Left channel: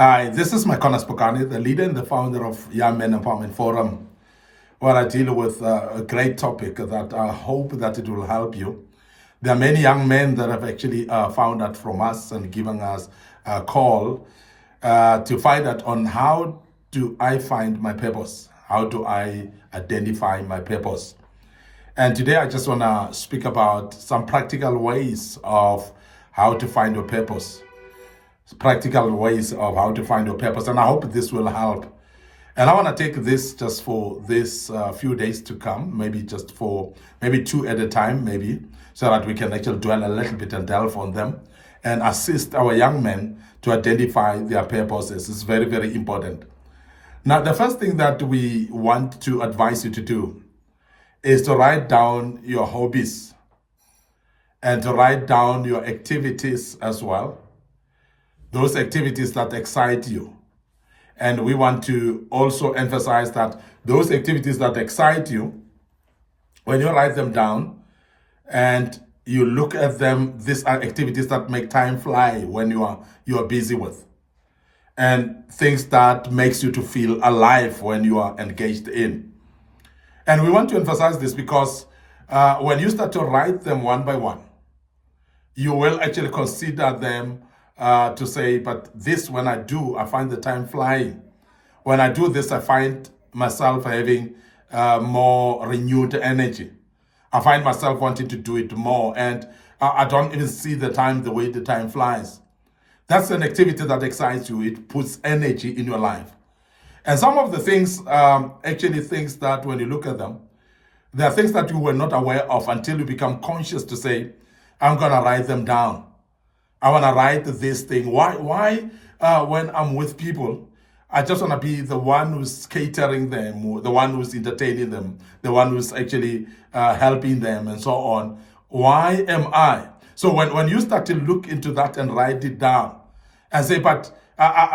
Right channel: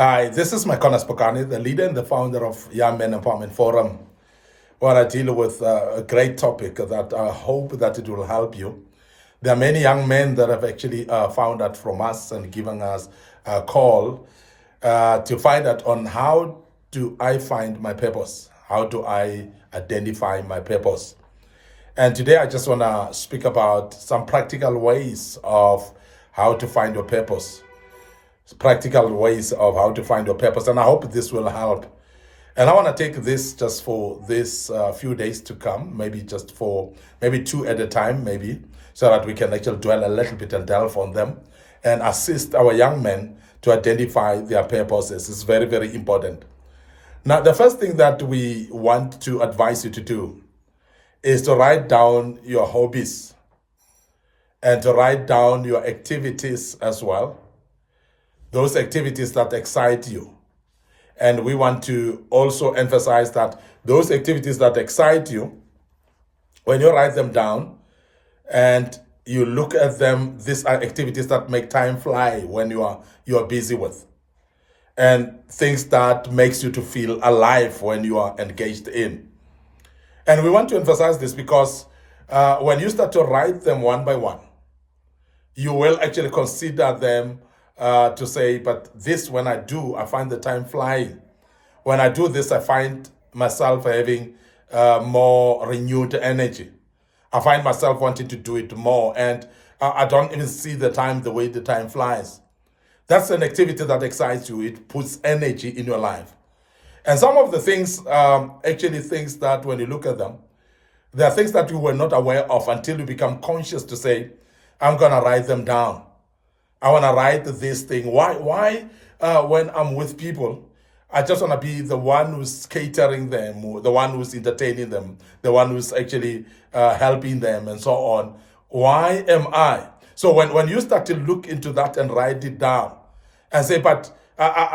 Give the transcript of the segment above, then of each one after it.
Hi, this is MIcornus, Phokane, the leader and the founder of Young Men Empowerment Forum, where I deal with a great topic that I hope that it will help you. There are many young men that have actually found out from us and given us a call to find out on how do I find my purpose? How do I identify my purpose? And today I just want to speak about some practical ways of how to find your purpose, practical ways of how to find your purpose. And I hope this will help. And I want to take this just for this few days to come, maybe just for maybe two at a time, maybe, so that we can actually dwell a little bit and delve on them and assist our young men to identify their purposes. It's very, very important. Now, the first thing that we want to advise you to do is to write down your hobbies and to write down your activities as well, those activities that excite you. And we want to also emphasize that those activities that excite you, when you write them down and you look at them, these are activities that make time fly when you are busy with, and things that makes you to feel alive when you are engaged in. And we want to emphasize this because when you start to write them one by one, you will actually consider them to say, but this, when I do, I find the time flying. When I do this, I find myself having more renewed energy. I find myself wanting to do it more, and I don't even see the time the way the time flies. That's an activity that excites you. It puts energy in your life. And some of the things, actually things that when you look at them, there are things that you were not aware of until you become conscious to say, I'm going to write them down. I want to write this thing. Why when I'm with people, I just want to be the one who's catering them, the one who's entertaining them, the one who's actually helping them and so on. Why am I? So when you start to look into that and write it down and say, but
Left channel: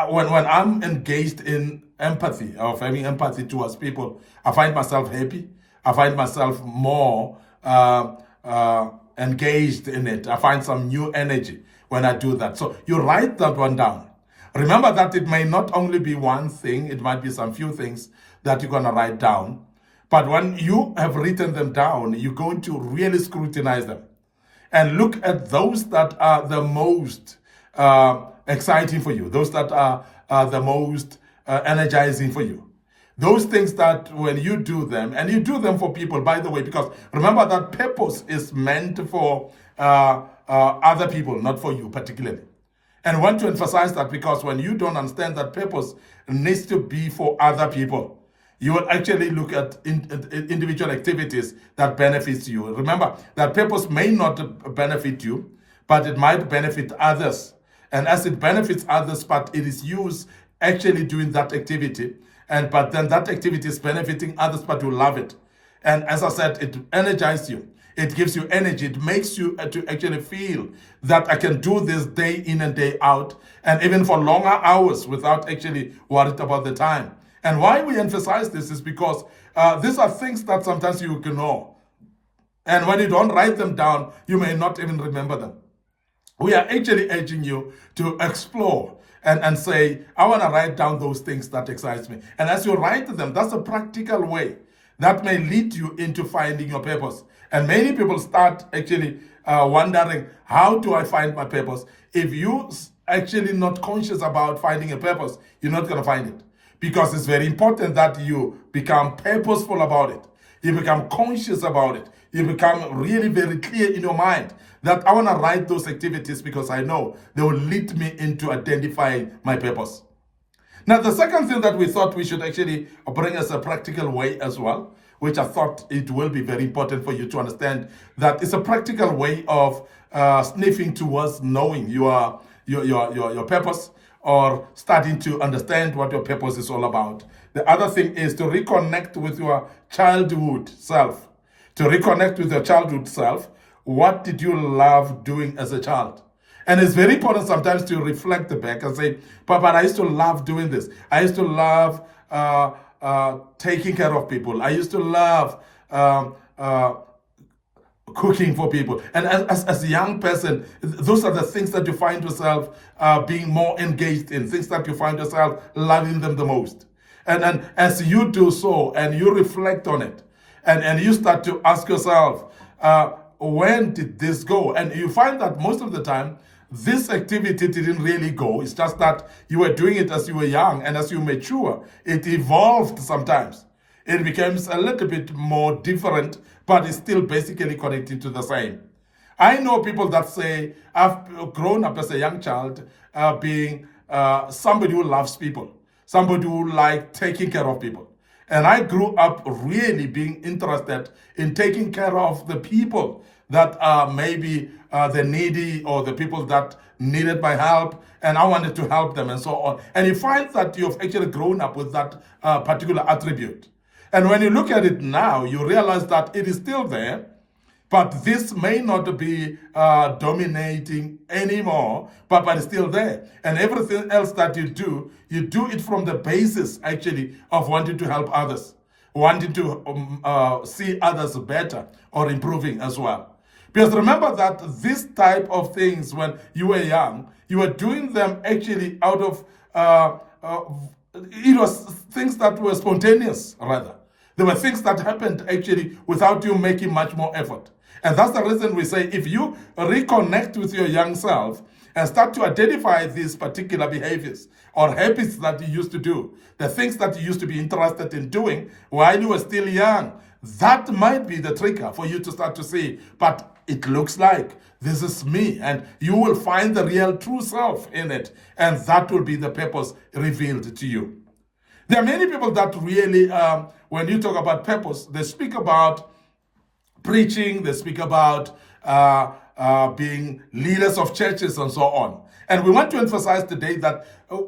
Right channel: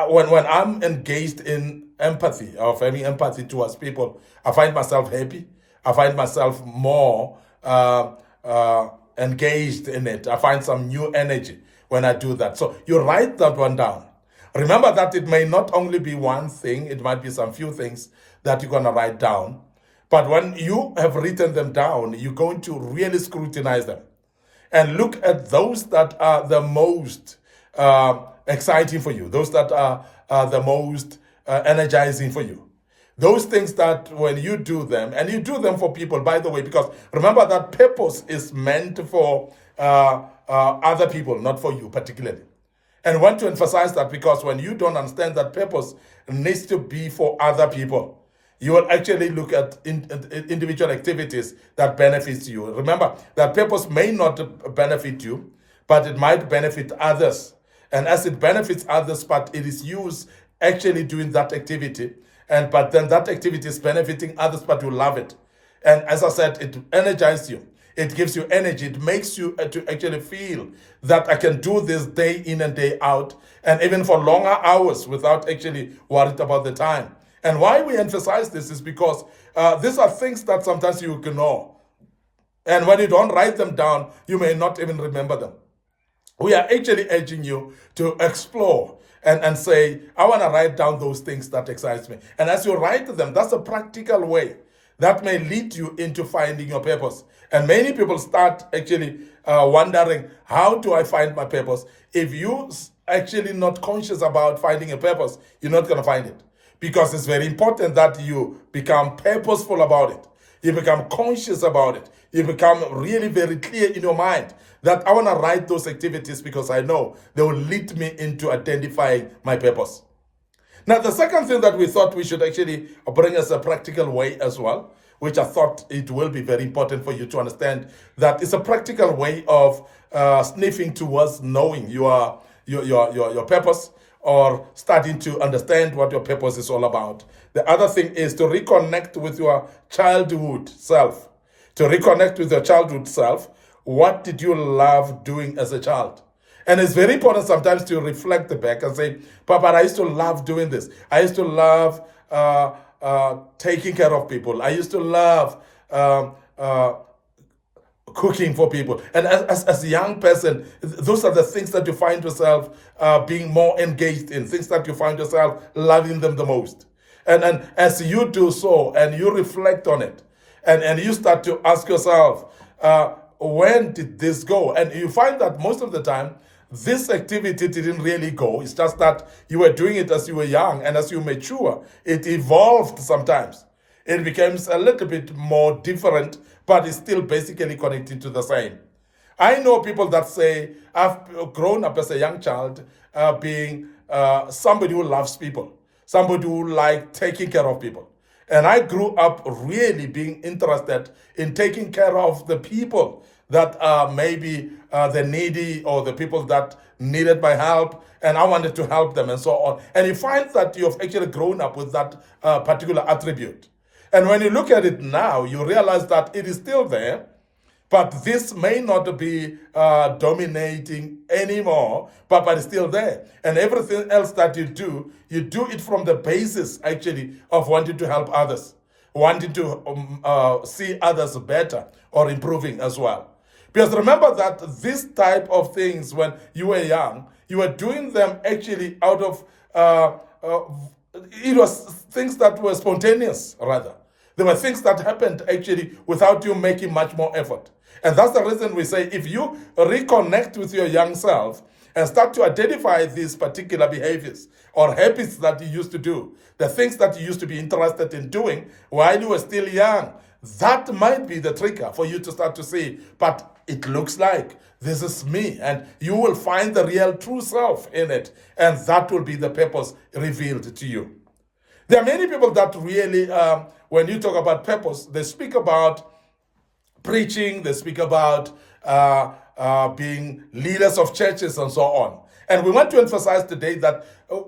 when I'm engaged in empathy, of having empathy towards people, I find myself happy. I find myself more engaged in it. I find some new energy when I do that. So you write that one down. Remember that it may not only be one thing, it might be some few things that you're going to write down. But when you have written them down, you're going to really scrutinize them and look at those that are the most exciting for you, those that are the most energizing for you. Those things that when you do them, and you do them for people, by the way, because remember that purpose is meant for other people, not for you particularly. And I want to emphasize that because when you don't understand that purpose needs to be for other people, you will actually look at individual activities that benefits you. Remember that purpose may not benefit you, but it might benefit others. And as it benefits others, but it is used actually doing that activity, but then that activity is benefiting others, but you love it. And as I said, it energizes you. It gives you energy. It makes you to actually feel that I can do this day in and day out, and even for longer hours without actually worried about the time. And why we emphasize this is because these are things that sometimes you ignore. And when you don't write them down, you may not even remember them. We are actually urging you to explore and say, I want to write down those things that excite me. And as you write them, that's a practical way that may lead you into finding your purpose. And many people start actually wondering, how do I find my purpose? If you actually not conscious about finding a purpose, you're not going to find it. Because it's very important that you become purposeful about it. You become conscious about it. You become really very clear in your mind that I want to write those activities because I know they will lead me into identifying my purpose. Now, the second thing that we thought we should actually bring as a practical way as well, which I thought it will be very important for you to understand, that it's a practical way of sniffing towards knowing your purpose, or starting to understand what your purpose is all about. The other thing is to reconnect with your childhood self. To reconnect with your childhood self, what did you love doing as a child? And it's very important sometimes to reflect back and say, Papa, I used to love doing this. I used to love taking care of people. I used to love cooking for people. And as a young person, those are the things that you find yourself being more engaged in, things that you find yourself loving them the most. And as you do so and you reflect on it, and you start to ask yourself, when did this go? And you find that most of the time, this activity didn't really go. It's just that you were doing it as you were young, and as you mature, it evolved sometimes. It becomes a little bit more different, but it's still basically connected to the same. I know people that say, I've grown up as a young child being somebody who loves people, somebody who likes taking care of people. And I grew up really being interested in taking care of the people that are maybe the needy or the people that needed my help, and I wanted to help them and so on. And you find that you've actually grown up with that particular attribute. And when you look at it now, you realize that it is still there, but this may not be dominating anymore, but it's still there. And everything else that you do it from the basis, actually, of wanting to help others, wanting to see others better or improving as well. Because remember that this type of things, when you were young, you were doing them actually out of, it was things that were spontaneous, rather. There were things that happened actually without you making much more effort. And that's the reason we say if you reconnect with your young self and start to identify these particular behaviors or habits that you used to do, the things that you used to be interested in doing while you were still young, that might be the trigger for you to start to say, but it looks like this is me, and you will find the real true self in it, and that will be the purpose revealed to you. There are many people that really, when you talk about purpose, they speak about preaching, they speak about being leaders of churches and so on. And we want to emphasize today that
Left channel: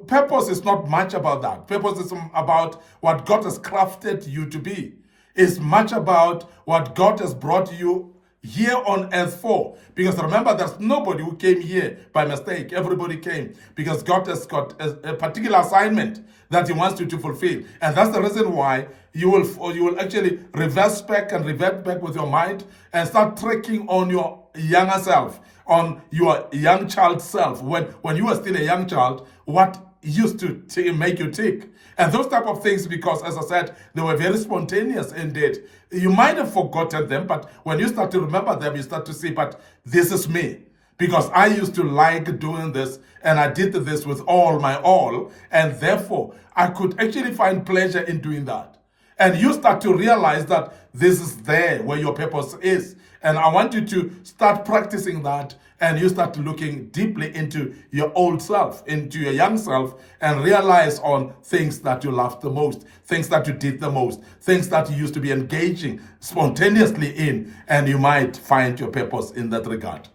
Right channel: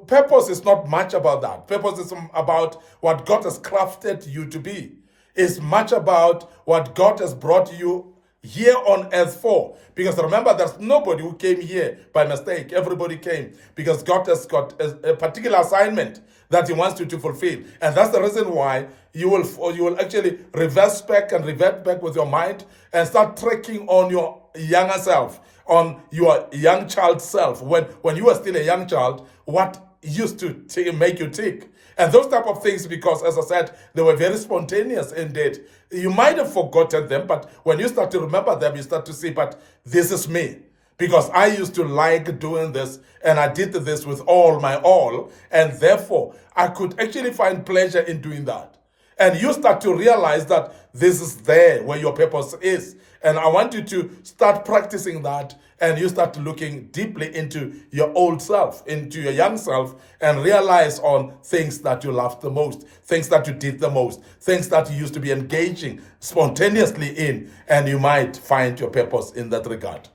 purpose is not much about that. Purpose is about what God has crafted you to be. It's much about what God has brought you here on earth for. Because remember, there's nobody who came here by mistake. Everybody came because God has got a particular assignment that he wants you to fulfill. And that's the reason why you will actually reverse back and revert back with your mind and start tracking on your younger self, on your young child self. When you were still a young child, what used to make you tick? And those type of things, because as I said, they were very spontaneous indeed. You might have forgotten them, but when you start to remember them, you start to see, but this is me. Because I used to like doing this, and I did this with all my all, and therefore I could actually find pleasure in doing that. And you start to realize that this is there where your purpose is. And I want you to start practicing that, and you start looking deeply into your old self, into your young self, and realize on things that you loved the most, things that you did the most, things that you used to be engaging spontaneously in, and you might find your purpose in that regard.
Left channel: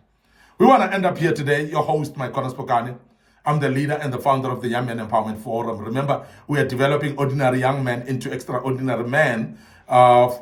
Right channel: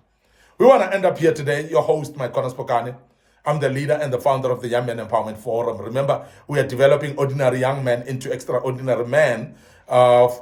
We want to end up here today. Your host, MIcornus Phokane. I'm the leader and the founder of the Young Men Empowerment Forum. Remember, we are developing ordinary young men into extraordinary men of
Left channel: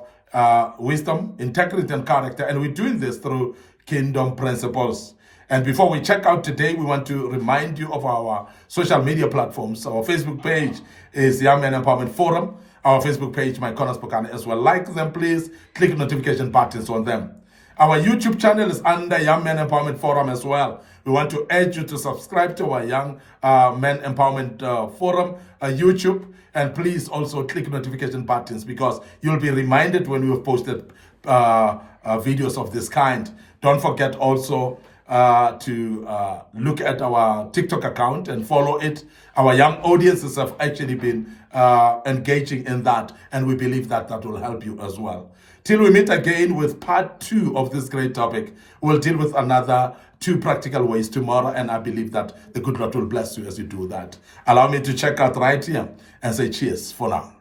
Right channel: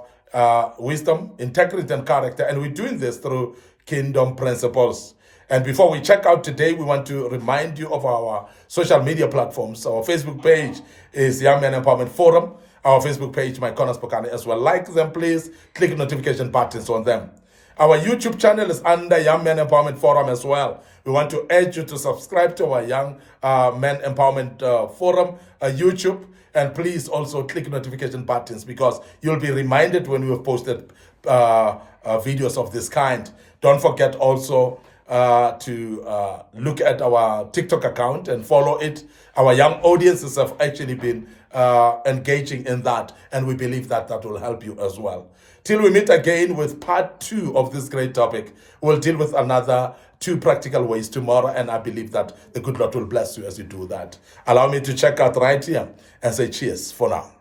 wisdom, integrity, and character. And we're doing this through kingdom principles. And before we check out today, we want to remind you of our social media platforms. Our Facebook page is Young Men Empowerment Forum. Our Facebook page, MIcornus Phokane, as well. Like them, please. Click notification buttons on them. Our YouTube channel is under Young Men Empowerment Forum as well. We want to urge you to subscribe to our Young Men Empowerment Forum YouTube. And please also click notification buttons, because you'll be reminded when we have posted videos of this kind. Don't forget also to look at our TikTok account and follow it. Our young audiences have actually been engaging in that, and we believe that that will help you as well. Till we meet again with part 2 of this great topic, we'll deal with another 2 practical ways tomorrow, and I believe that the good Lord will bless you as you do that. Allow me to check out right here and say cheers for now.